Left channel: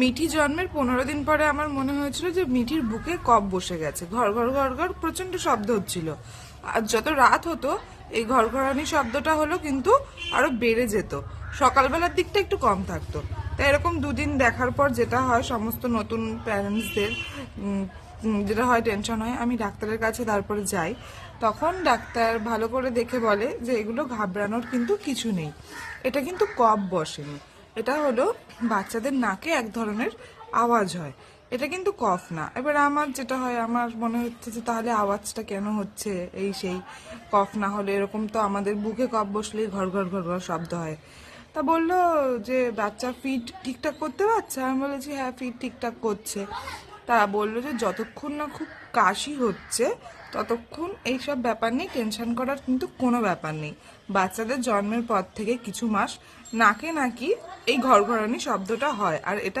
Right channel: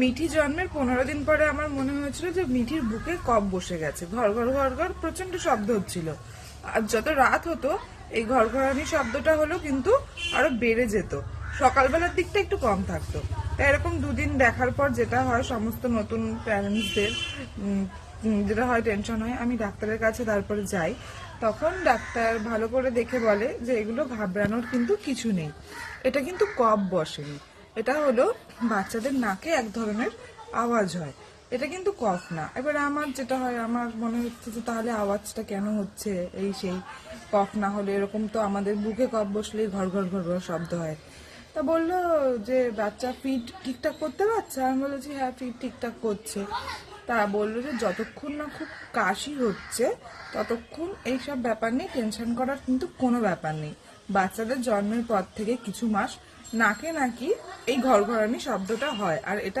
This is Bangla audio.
মিঠি জন্মের 15 দিন পরে আমার মনে হয়েছিল যে মিঠির বুকে কফ বসে গেছে। ঘর ঘর ঘর ঘর প্রচন্ড শব্দ হচ্ছিল। আর যত রাত হতো এই ঘরঘরানি শব্দটা হলো কিন্তু আরো বেড়ে যেত। সকালবেলার দিকটা একটু কম থাকতো। তাই এরকম দুদিন দেখার পর যেটা হয় সমস্ত নতুন প্যারেন্টসদের যেটা হয় টেনশন হয়, আমি ডাক্তারের কাছে তারপরে যাই। তখন ডাক্তার ভালো করে দেখে বলে যে এগুলো ঘাবড়ানোর কিন্তু কিছু নেই, এটা কিন্তু কফ বসেনি, এটা হলো বাচ্চাদের নাকে এক ধরনের আওয়াজ হয়, এটা কিন্তু কফ না। এবার আমার যেটা হয়, আমার মনে হচ্ছে যে তাহলে আওয়াজটা কেন হচ্ছে, এই সেই কফ না হলে এরকম তো আমাদের বুকে কফ বসলেই ঘর ঘর ঘর ঘর শব্দ হয়। তা বললো যে বাচ্চা ফিড ঠিকঠাক করতে পারছে, আমি বলেছি হ্যাঁ ফিড ঠিকঠাক করছে। তা বললো যে যতক্ষণ না খুব কাশি হচ্ছে ততক্ষণ এইসব ব্যাপার নিয়ে টেনশন করার কিন্তু কোনো ব্যাপার নেই। বাচ্চাদের জন্মের পর থেকে কিছু মাস নাকে নাকি এই ঘরঘরানি শব্দটা হয়, আর এটা